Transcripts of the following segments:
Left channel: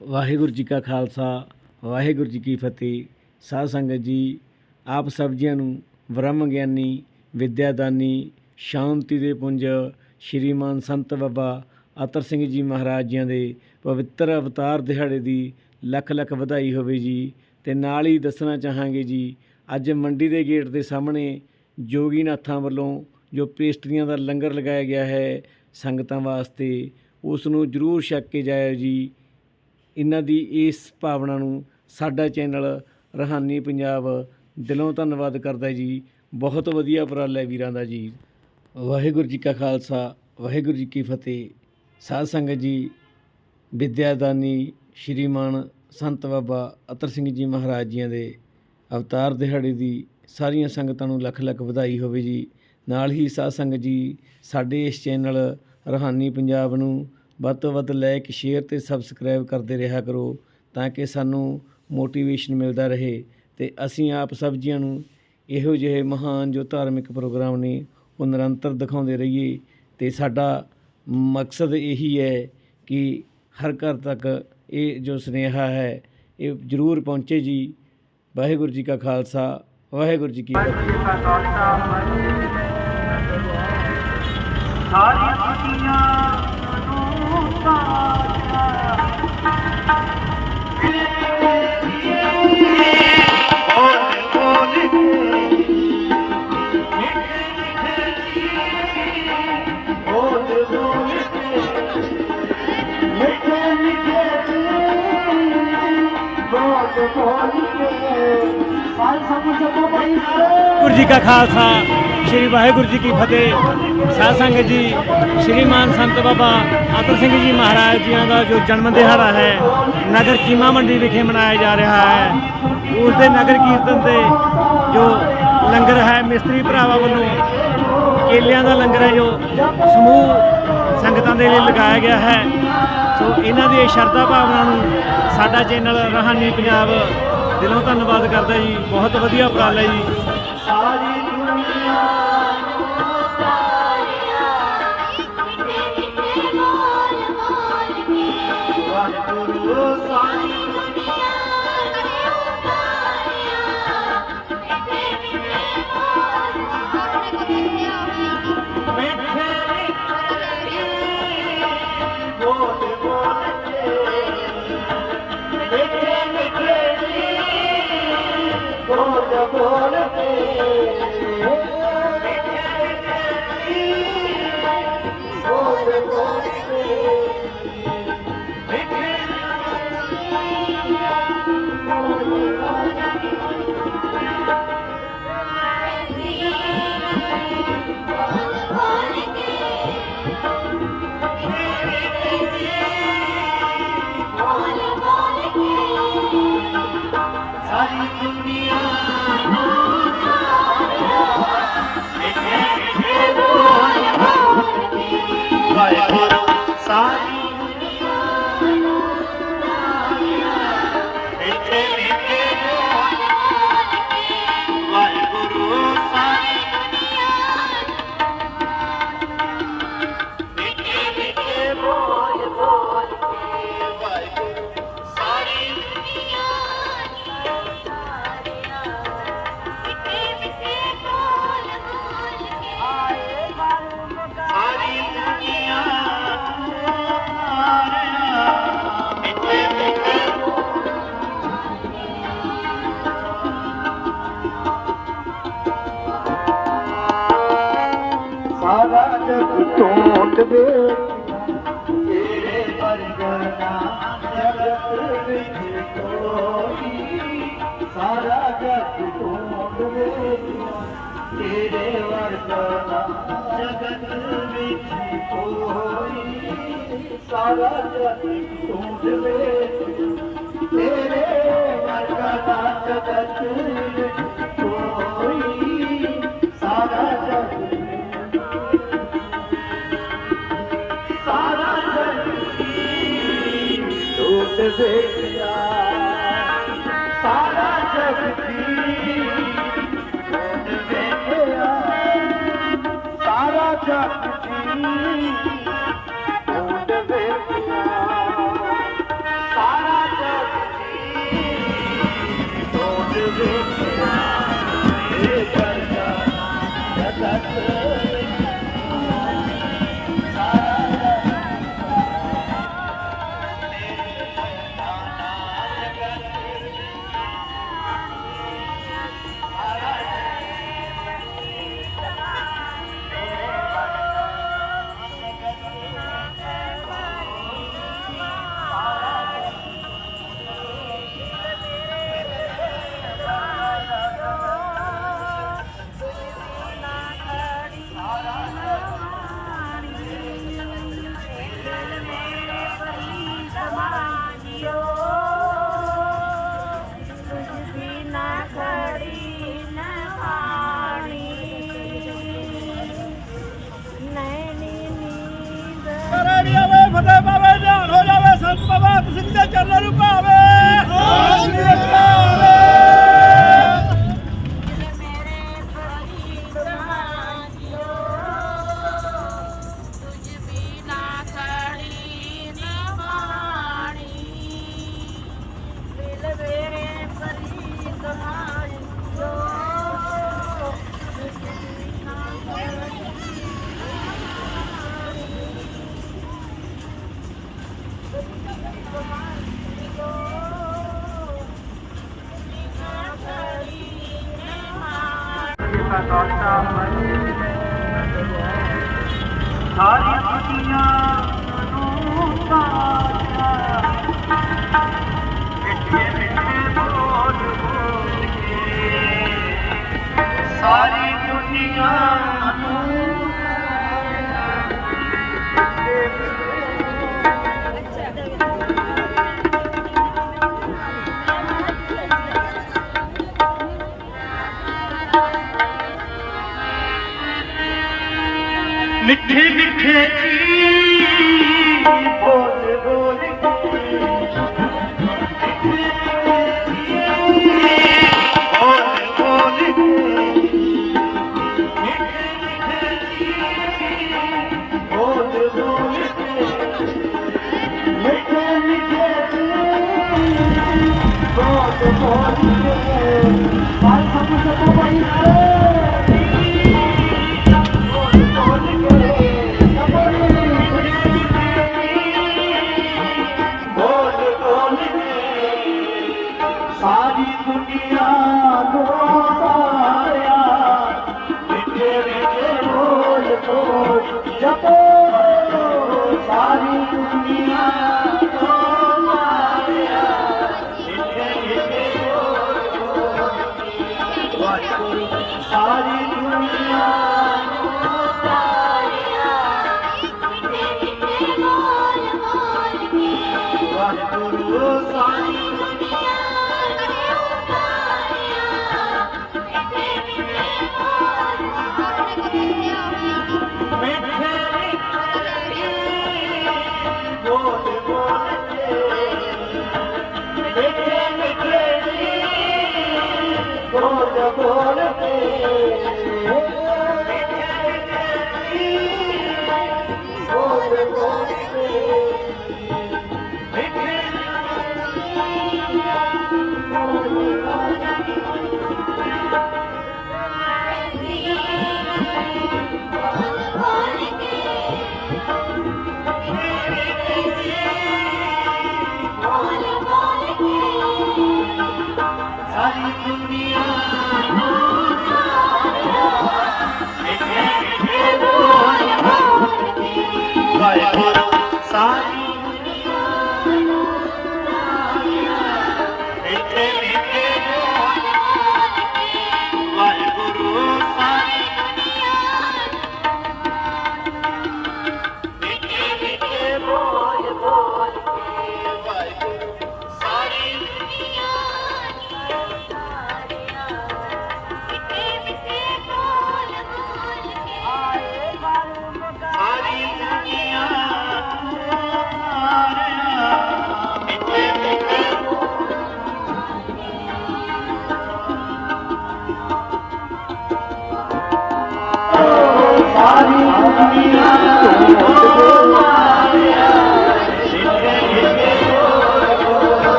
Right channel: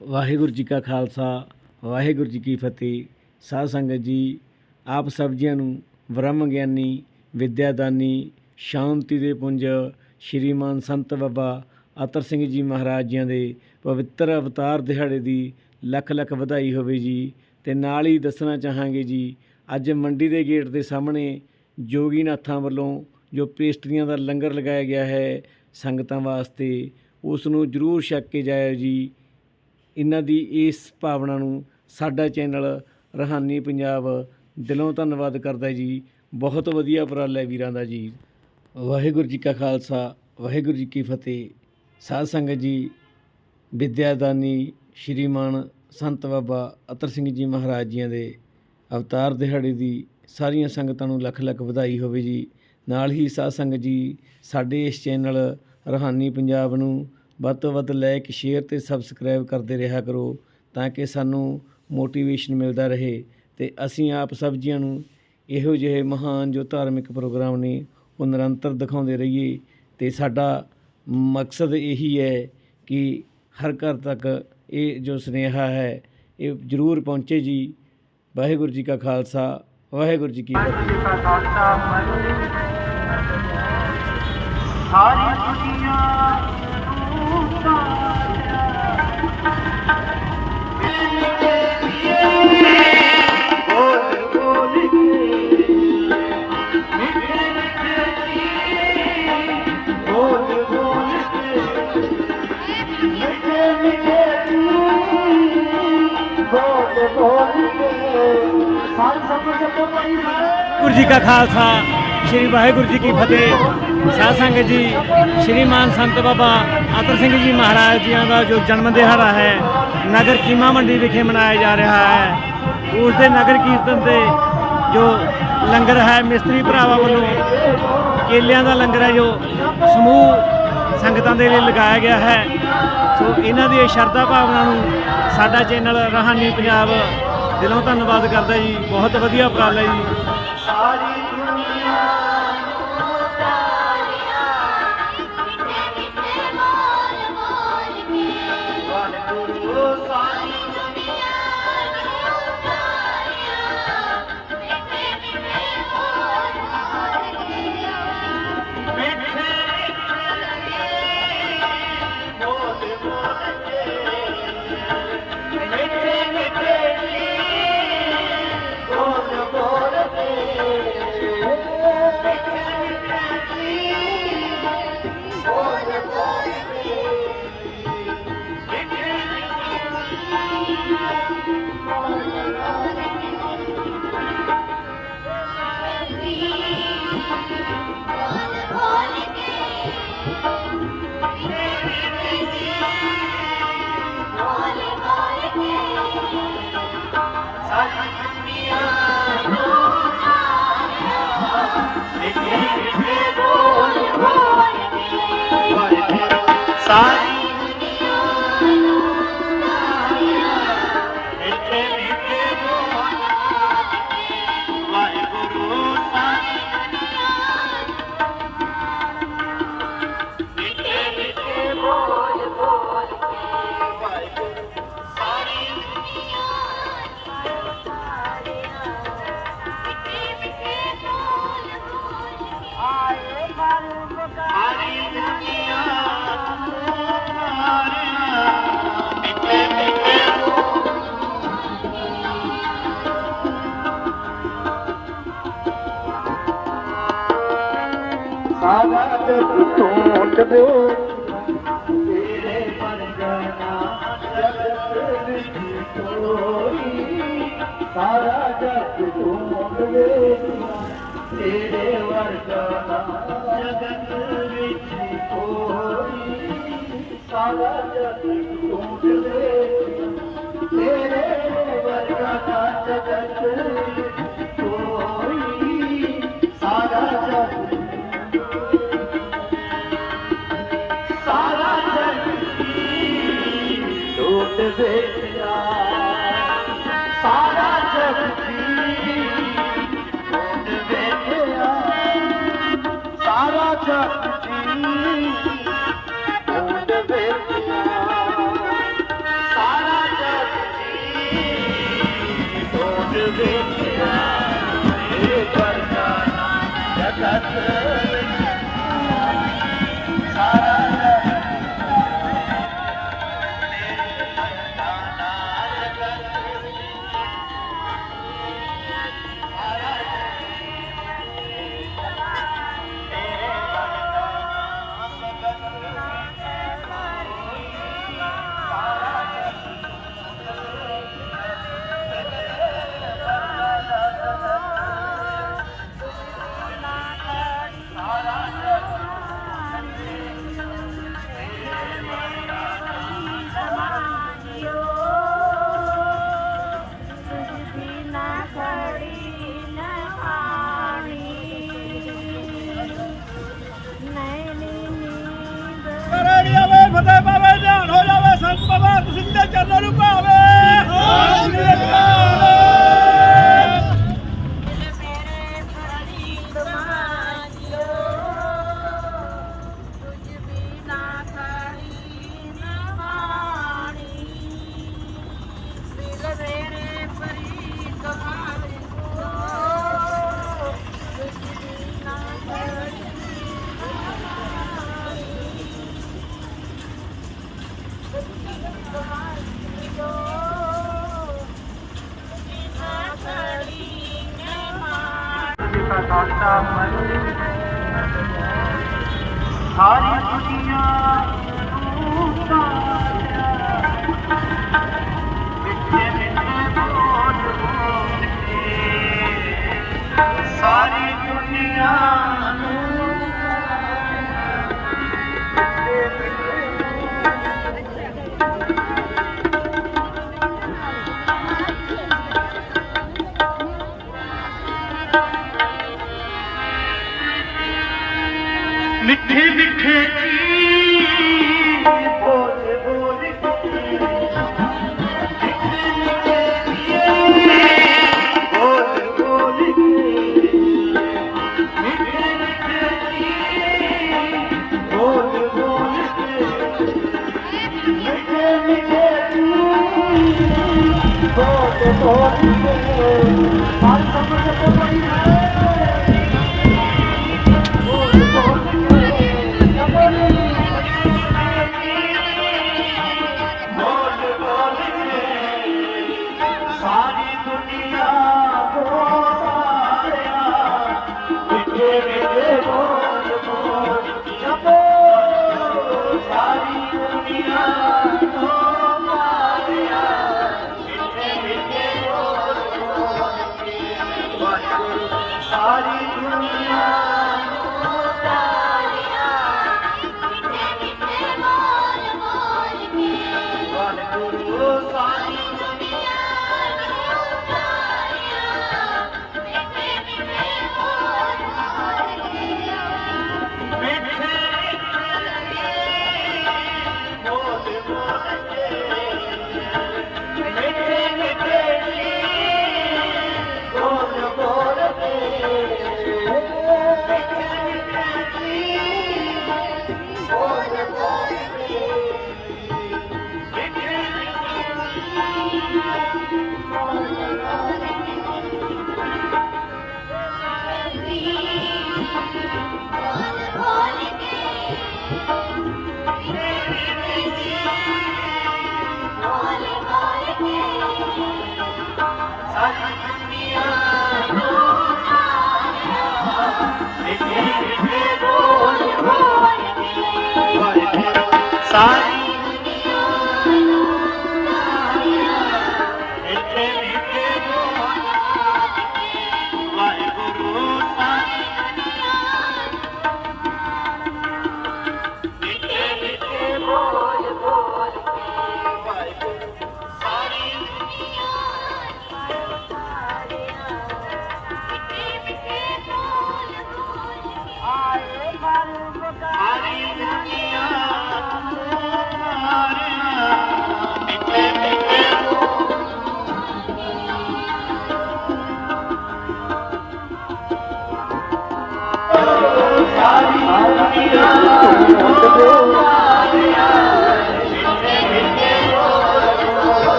ਵਾਹਿਗੁਰੂ ਜੀ ਕਾ ਖਾਲਸਾ, ਵਾਹਿਗੁਰੂ ਜੀ ਕੀ ਫਤਿਹ। ਸਾਧ ਸੰਗਤ ਜੀ, ਆਪ ਸਭ ਜੀਆਂ ਨੂੰ ਬ੍ਰਹਮ ਗਿਆਨੀ, ਵਿਦਿਆਦਾਨੀ, ਸ਼ਾਂਤੀ ਦੇ ਪੁੰਜ ਸ਼੍ਰੀਮਾਨ ਸੰਤ ਬਾਬਾ ਅਤਰ ਸਿੰਘ ਜੀ ਮਹਾਰਾਜ ਜੀਆਂ ਦੇ ਪਵਿੱਤਰ ਅਵਤਾਰ ਦਿਹਾੜੇ ਦੀ ਲੱਖ ਲੱਖ ਵਧਾਈ ਹੋਵੇ ਜੀ ਤੇ ਨਾਲ ਹੀ ਦੱਸਣਾ ਚਾਹਾਂਗੇ ਜੀ, ਅੱਜ ਮੰਡੀ ਦੇ ਗੇਟ ਦੇ ਸਾਹਮਣੇ ਜੋਗੀ ਨਾਥਾਂ ਵੱਲੋਂ ਜੋ ਪੇਸਟਰੀਆਂ ਦਾ ਲੰਗਰ ਲਗਾਇਆ ਗਿਆ ਹੈ, ਸੰਗਤਾਂ ਵਾਸਤੇ, ਉਸ ਨੂੰ ਜ਼ਰੂਰ ਛਕ ਕੇ ਜਾਇਓ ਜੀ। ਇਹਨਾਂ ਦੀ ਇਸ ਭਾਵਨਾ ਨੂੰ ਸਾਡਾ ਚੈਨਲ ਰਹਾਨੀ ਪੰਜਾਬ ਦਿਲੋਂ ਧੰਨਵਾਦ ਕਰਦਾ ਜੀ। ਬਹੁਤ ਵਧੀਆ ਉਪਰਾਲਾ ਹੈ ਵੀਰਾਂ ਦਾ ਜੀ। ਵਾਹਿਗੁਰੂ ਜੀ ਕਾ ਖਾਲਸਾ, ਵਾਹਿਗੁਰੂ ਜੀ ਕੀ ਫਤਿਹ। ਸਾਧ ਸੰਗਤ ਜੀ, ਵਿਦਿਆਦਾਨੀ ਸ਼੍ਰੀਮਾਨ ਸੰਤ ਬਾਬਾ ਅਤਰ ਸਿੰਘ ਜੀ ਮਹਾਰਾਜ ਜੀਆਂ ਦੇ ਅਵਤਾਰ ਦਿਹਾੜੇ ਦੀ ਸਾਰੀਆਂ ਸੰਗਤਾਂ ਨੂੰ ਲੱਖ ਲੱਖ ਵਧਾਈ ਹੋਵੇ ਜੀ। ਨਾਲ ਹੀ ਸਾਧ ਸੰਗਤ ਜੀ, ਸਾਡੇ ਇਸ ਚੈਨਲ ਰਹਾਨੀ ਪੰਜਾਬ ਨੂੰ ਵੱਧ ਤੋਂ ਵੱਧ ਲਾਇਕ ਸ਼ੇਅਰ ਤੇ ਸਬਸਕ੍ਰਾਈਬ ਕਰਦੇ ਰਿਹਾ ਕਰੋ ਤਾਂ ਕਿ ਸਾਨੂੰ ਮੋਟੀਵੇਸ਼ਨ ਮਿਲਦਾ ਰਹੇ ਤੇ ਅਸੀਂ ਆਪ ਸਭ ਜੀਆਂ ਨੂੰ ਇਹੋ ਜਿਹੇ ਮਹਾਨ ਜੋ ਧਾਰਮਿਕ ਪ੍ਰੋਗਰਾਮ ਨੇ ਉਹ ਨਿਰੰਤਰ ਦਿਖਾਉਂਦੇ ਰਹੀਏ ਤੇ ਸਾਡਾ ਮਕਸਦ ਇਹੀ ਹੈ ਕਿ ਹਰ ਘਰ ਤੱਕ ਇਹ ਜੋ ਸੁਨੇਹਾ ਹੈ, ਇਹ ਜ਼ਰੂਰ ਪਹੁੰਚੇ ਜੀ। ਵਾਹਿਗੁਰੂ ਜੀ ਕਾ ਖਾਲਸਾ, ਵਾਹਿਗੁਰੂ ਜੀ ਕੀ ਫਤਿਹ। ਸਾਰੀ ਵਾਹਿਗੁਰੂ ਜੀ ਕਾ ਖਾਲਸਾ, ਸ੍ਰੀ ਵਾਹਿਗੁਰੂ ਜੀ ਕੀ ਫਤਿਹ। ਸਾਧ ਸੰਗਤ ਜੀ ਸ਼੍ਰੀਮਾਨ ਸੰਤ ਬਾਬਾ ਆਤਰ ਸਿੰਘ ਜੀ ਮਹਾਰਾਜ ਜੀਆਂ ਦਾ ਜੋ ਜਨਮ ਦਿਹਾੜਾ ਹੈ, ਨਗਰ ਚੀਮਾ ਮੰਡੀ ਵਿਖੇ ਮਨਾਇਆ ਜਾ ਰਿਹਾ ਹੈ। ਉਸ ਦੇ ਨਗਰ ਕੀਰਤਨ ਤੇ ਜੋ ਲੰਗਰ ਹੈ, ਮਿਸਤਰੀ ਭਰਾਵਾਂ ਵੱਲੋਂ ਕੇਲਿਆਂ ਦਾ ਲੰਗਰ ਹੈ, ਜੋ ਸਮੂਹ ਸੰਗਤਾਂ ਦੇ ਲਈ ਲਗਾਇਆ ਗਿਆ ਹੈ। ਸੋ ਇਹਨਾਂ ਦੀ ਸ਼ਰਧਾ ਭਾਵਨਾ ਨੂੰ ਸਾਡਾ ਚੈਨਲ ਰਹਾਨੀ ਪੰਜਾਬ ਦਿਲੋਂ ਧੰਨਵਾਦ ਕਰਦਾ ਜੀ। ਬਹੁਤ ਵਧੀਆ ਉਪਰਾਲਾ ਜੀ। ਸਾਰੀ ਦੁਨੀਆ ਮਿੱਠੇ वरगना जगन सारा जगत वरगा जगन सारा जत वरगण जगन Is? मिठे मिठे 我 Oh, 啊。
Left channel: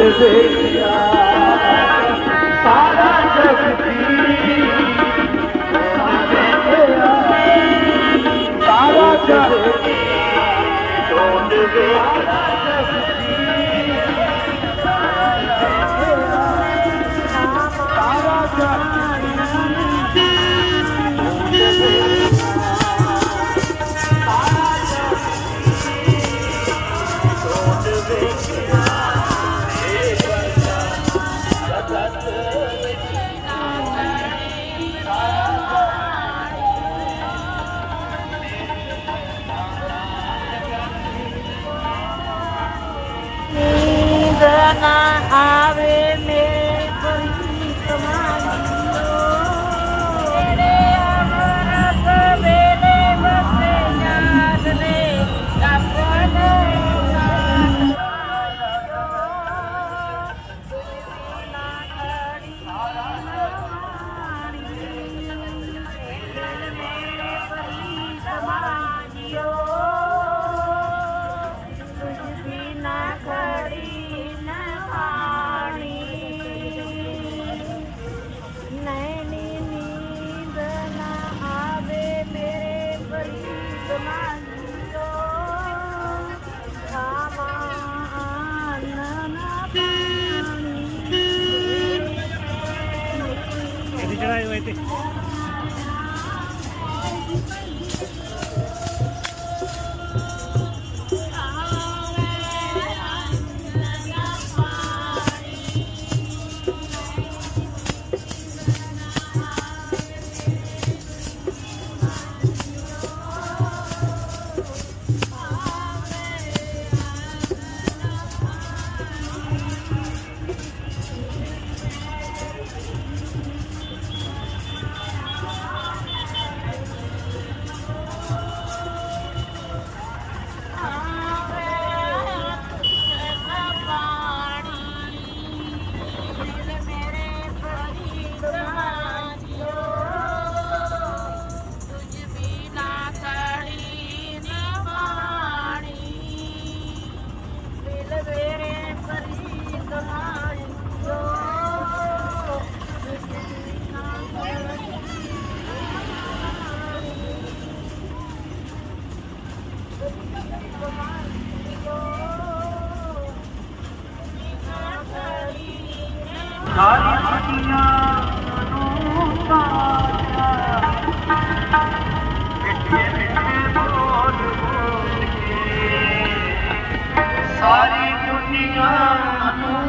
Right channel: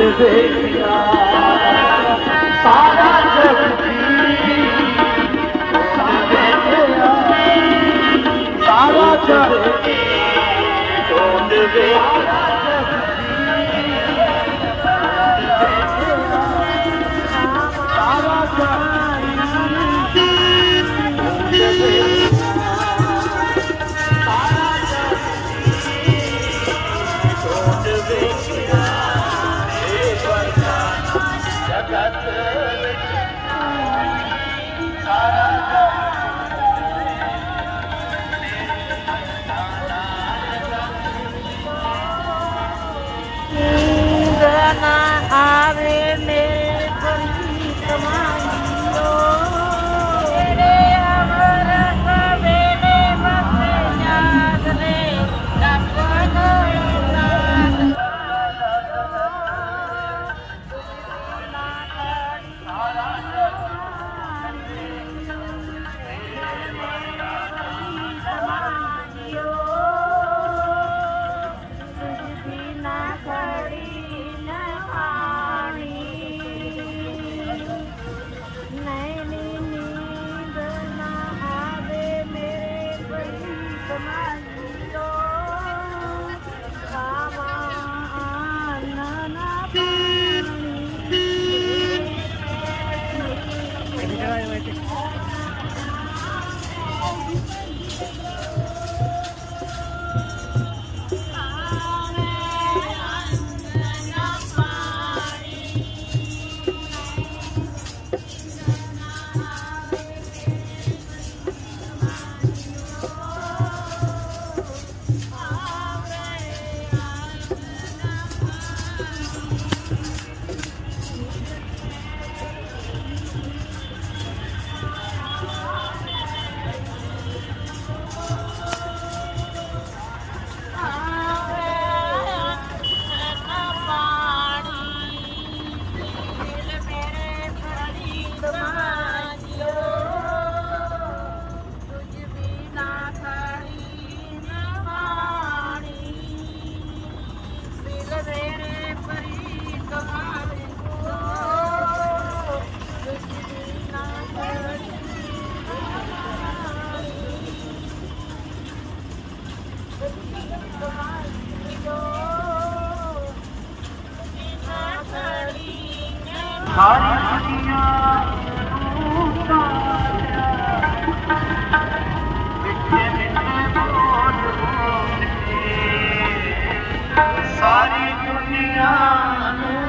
is? ਸਾਰੀ ਦੁਨੀਆ ਨੂੰ।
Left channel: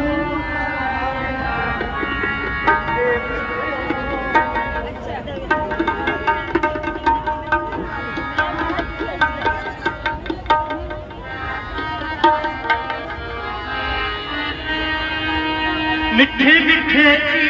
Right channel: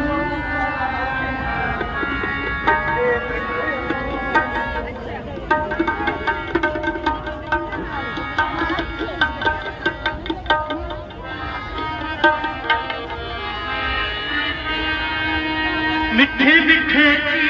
ਮਿੱਠੇ ਮਿੱਠੇ